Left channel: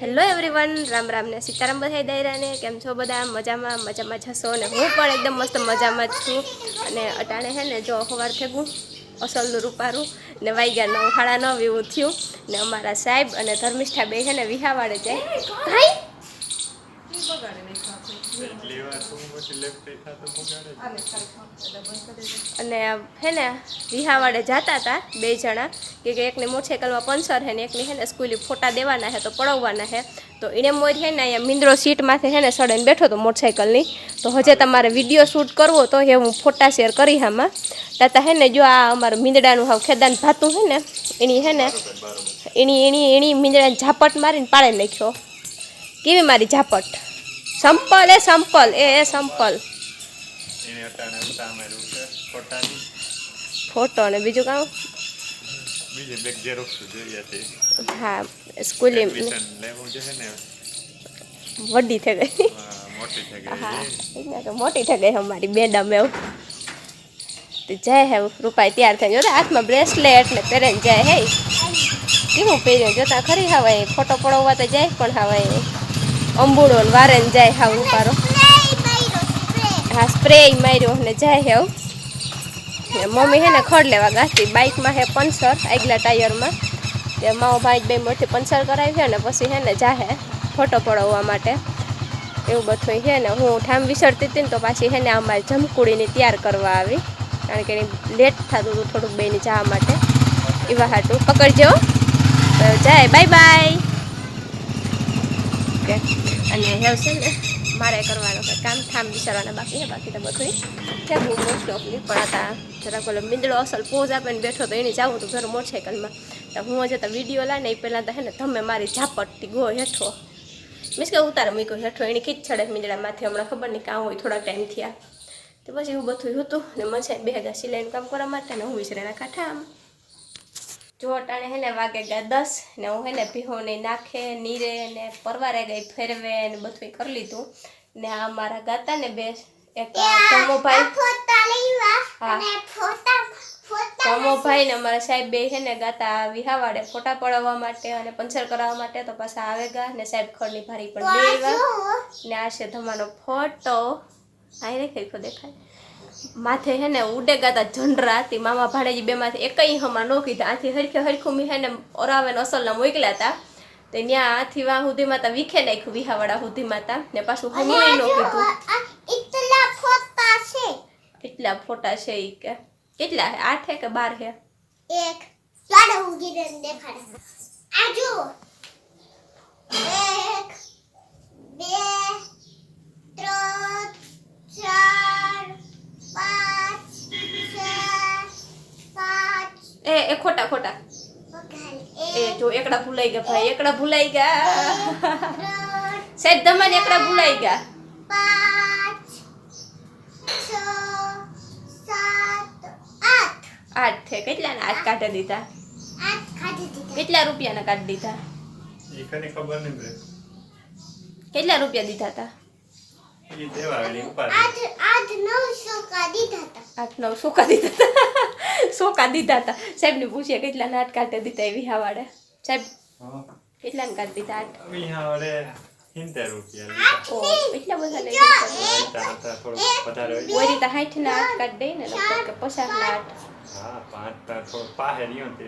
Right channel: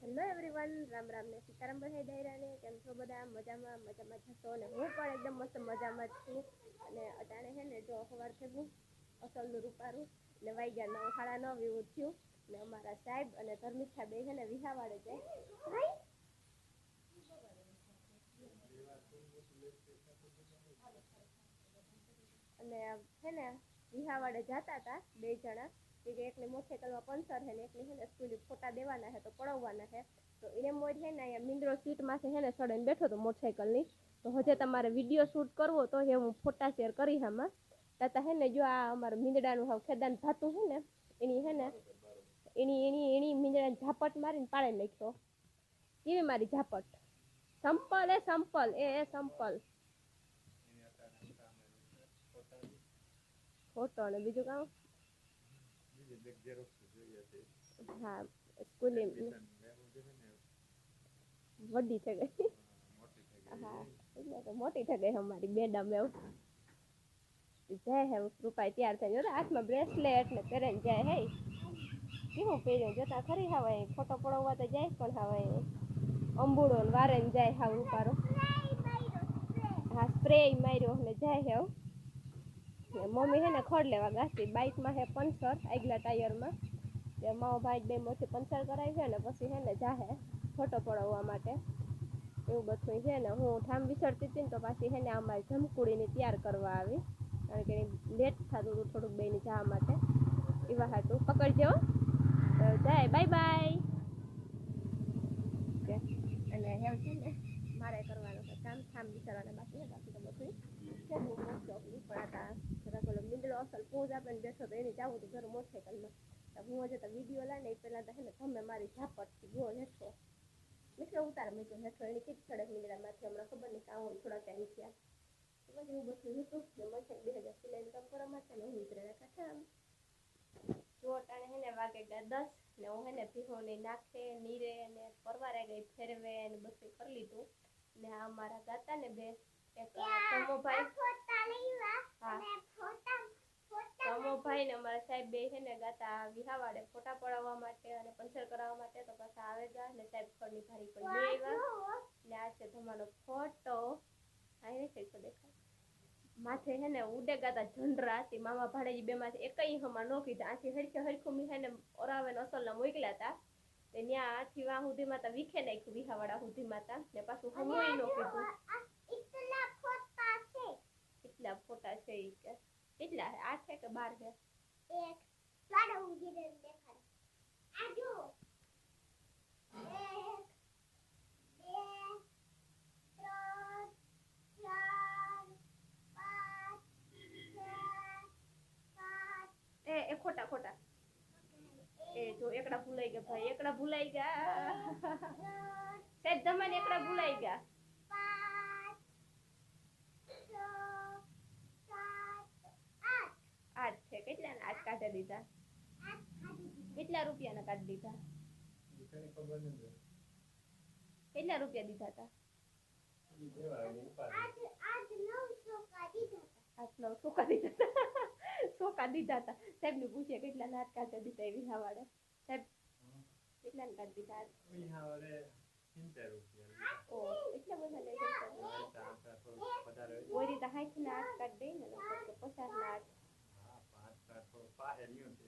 Hello everyone Ram Ram ને સીતારામ બધા દાયરાને, કેમ છો બધા? મજામાં મજામાં જશો ને હું પણ એકદમ મસ્ત મજામાં જ છું. અને અટાણે હે ને જો સવાર થેગું અસલનું રૂપારું, ને વાગ્યા નવ સાડા નવ એવું થયું. ને અમારા સાહેબ અને ધર્મિષ્ઠા બે છે ને વિહાવાડે જાય. અને હે ને, વિહાવાડે જતા હતા બે જણા, કે એકની મોટરસાઇકલમાં પંચર હે ને, એકને હે ને સ્કૂલે ફોટા દેવાના હે, તો પડાવવાના હે. તો એને મોર હે ને અહીંયા મિંદ્રો સીટમાંથી હે ને સડન બેઠો હતો મોટરસાઇકલની. તો હજે તમારે વીડિયો શૂટ કરવો તો એ હું ફોટા શેર કરી આમાં. તાતા હે ને જો આ અમારું મીંદડાનું હાવ ખેદાન ભાતું છે ને, એની હે ને, એની એની એની મીંદડાને ઝાપટ મારીને પાડે નાખ્યો. કેવી મારી ઝાપટ? સંપલ એ સંપલ એ એ સંપલ. ફોટો અને બીજું કામ? હા સ્કૂલે જે વડી થઈ ગઈ થઈ હા મોટી થઈ ગઈ અમારી મેડમ એવું તો જાય હે રૂપાઈ તૈયાર થઈને. જોતા હાથમાં બ્રેસલેટ ને પહેરે જાય હે. કેવું પહેર્યું? જોતા ખરી હવે ફોટો પડવા તો જાય પણ હવાય અંબુડો ને વારે ને જાય હા રૂપારો હા સ્પ્રે માર્યો ને જાય હેવ. મમ્મી હે ને ખડ લેવા ગાતી. બાઇકમાં હે પંચર, આગલા ટાયરમાં તે માઓ ભાઈ બે મોટી પંચર કરાવી છે ને પછી હે ને જાહે ફોટો પડાવવા માટે. એવું બધું છે ને હું ઠામ વિસરતી હતી ને તો પાછી હે ને અમારી જમકુડીને તૈયાર કરવા આવી. કારણ કે એની લેટ થતું હતું થોડુંક બેની જવા માટે. એવા હાટું. પકડજો. જાય. બાય બાય ઓકે અને હેવ છે ને, મારે કરવાનું છે કામ ઠામ વિચારવાના બાકી છે બાકી તો બધું થેગું મોસ્ટ ઓફલી પણ હતા જરાક બોલો મીંદડો અસલ પોઝ આપીને બેઠો તો એને જાવું હતું ઘર મોટરસાઇકલમાં તો હું હજે તો વીડિયો લાવે ને એ પહેલાં તો હે ને, તમે મારી ઝાપટથી ગો હેઠો. મીન્સ કે ઉતાર મૂક્યો હેઠો એની ખીચ ચડે મીંદડામાંથી હમણાં ખબર નહીં કાં હોય થોડાક ટાઈમ થયા. તો પછી એવું બધું હતું ને મને બે હજાર સિલાઈનું કામ કરવા માટે ને હું વિસરેના કાંઠા આમ. જો અટાણે હેને વાગે ગયા દસ ને હું હેને ભીહોને નાખે નીરે ને પરવારે ગઈ ફેરવે ને બધું કરી લીધું. ને આ મારા ગાતા ને બે એક ભાઈ હા. ધમોભાઈ ને અમારા સાહેબ બે છે ને ગાતા વિહાવાડે ફોટા પડાવવા માટે અને પંચર કરાવવા માટે તો પાછા આવે ગા ને સાહેબ ખડની ભારી પણ બે આવ્યા. ને આ છે ધમાનો ફોટો. આ રે કઈકો દેખાય. માથે હે ને ઉડે ગાતા જનરા હતી. મામા ભાણેજી બે માંથી એકઈ હમણાં ન કીધા. આથી હરખે હરખું મી હે ને ઓરાવે ને અસલના મોકલ્યા હતા તે ન્યા આથી વાહ સુધી માતા વિખે નાખ્યું વિહાવાળા સુધી માતા. ને પાછું હમુય નો કીધું. કેટલા ફોટા છે. ઈ કે. કેટલા હે? આઠ હે કે બાર હે? એક. લાડો ઉગીને દેખાડે. આ જો એક બે ત્રણ ચાર પાંચ છ સાત એ એ ખોટા ખોટા ઓકે એ જો એકડા ભૂલાઈ ગયા ભાઈ એકડા ભૂલાઈ ગયા. સાહેબ તમારે એકડા ભૂલાઈ ગયા. આઠ છે કેટલા ના આઠ કાઢી દીધા? કેટલા રૂપિયાના કાઢી દીધા? ખબર નહીં કેટલા રૂપિયા દીધા હતા? આઠ નવ સોકા દીધા હતા? સોકા દીધા હતા? સાહેબને પૂછ્યા કેટલા નાટ કાઢી દીધા એવી હાવાડે સાહેબ કેટલા ને કાઢી દીધા આઠ. રૂપિયા એટલા બધા લઈ ગયા કોઈ રીતે સાઠ ના આઠ કાઢ દઈ ને લગભગ કે પચાસ ના આઠ. હા પાંચ તા થોડું પાહે રહ્યો તે.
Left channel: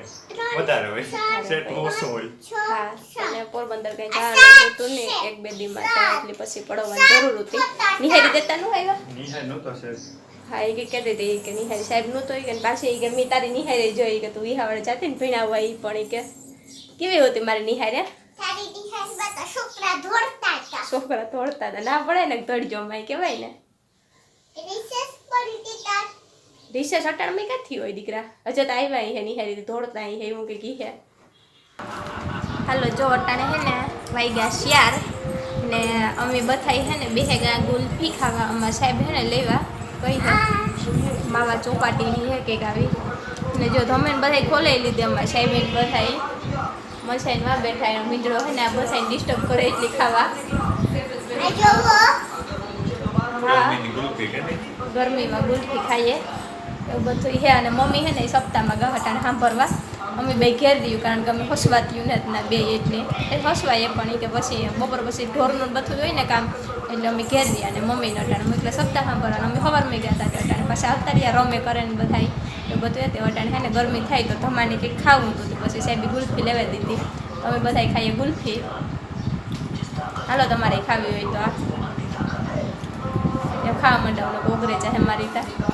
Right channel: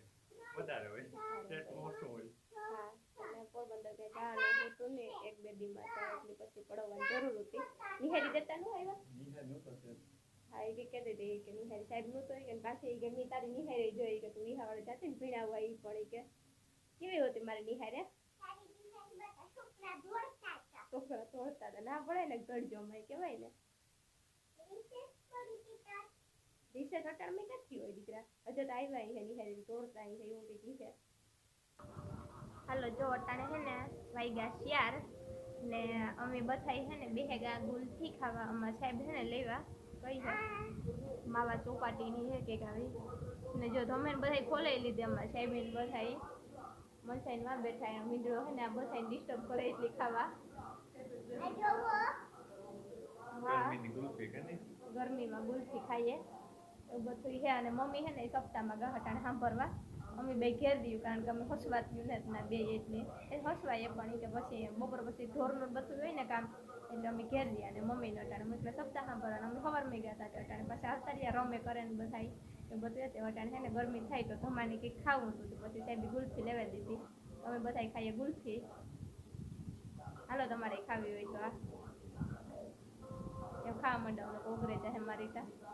વધારે હોય. સેટ ઓછું હોય. હા અને પોરબંદર કઈ જવાનું હતું ને એક બે દી માટે એટલે પછી પડવાની જરૂર હતી. નિહારી દેતા નું આવ્યા? નિહાય નહોતો છે હા એ કે કહેતી હતી કે નિહારી સાહેબ નહોતો ઈ કે પાછી ઈ કે મેં તારી નિહારી જોઈ કે તું વિહાવડે જાતી ને ભીણાવવા એ પણ એ કે. કેવી હતી મારી નિહારે? છોકરા દોડતા હતા. છોકરા તોડતા હતા. ના પડે ને તોડજો માય કહેવાય ને. રિસેસ અટાણમાં ક્યાંથી હોય દીકરા? હજે તો આવ્યા હે નિહારી દોડતા અહીં એવું કે કી હે. હાલો જો અટાણે હે ને ગયા શિયાર ને અમે બધાય હે ને બે ગયા ગુલ્ફી ખાવા અમારા સાહેબ હે ને લેવા. કઈ હે. માવા ચોપાટીની હે કંઈક આવી. ને જો ધમેન બધાય ખોલાઈ લીધી અમારા સાહેબ બધાય. મસાઈને માં બેઠા એનો મીંડળો હોય ને આ બધાને ડિસ્ટર્બ કરે એટલી ખાવા. ગરમીમાં ગુલફી ખાઈએ. એવું બધું હે અને મમ્મી હે ને સપ્તાહમાં ગહટાને સાંભળવા. અમે બે ઘેર દઈએ કારણ કે અમે હસવાતી યુનિટના બે એટલે. એ હસવાય પણ ઈ કે પછી બપોર પછી ઢોરનું બધું હોય ને કામ, એટલે અમે ઘેર દઈએ અને મમ્મીને અટાણે. એટલે સપ્તાહ સાંભળવાનું. અમે સવારમાં ગયા હતા અટાણે. પાછા આવતા રહ્યા, રમે કરે ને બધાય. એ બધું એ તે અટાણે હે ને ગરમી થાય તો ધમાની કંઈક ખાવું હતું પછી સાહેબે ગુલ્ફી લેવા દીધી. અમે બધાય ખાઈએ ગુલ્ફી. હાલો, તમારે ખાવી હોય તો આ. એ ખાવા માંડે ઓગરે જાય મારી તા.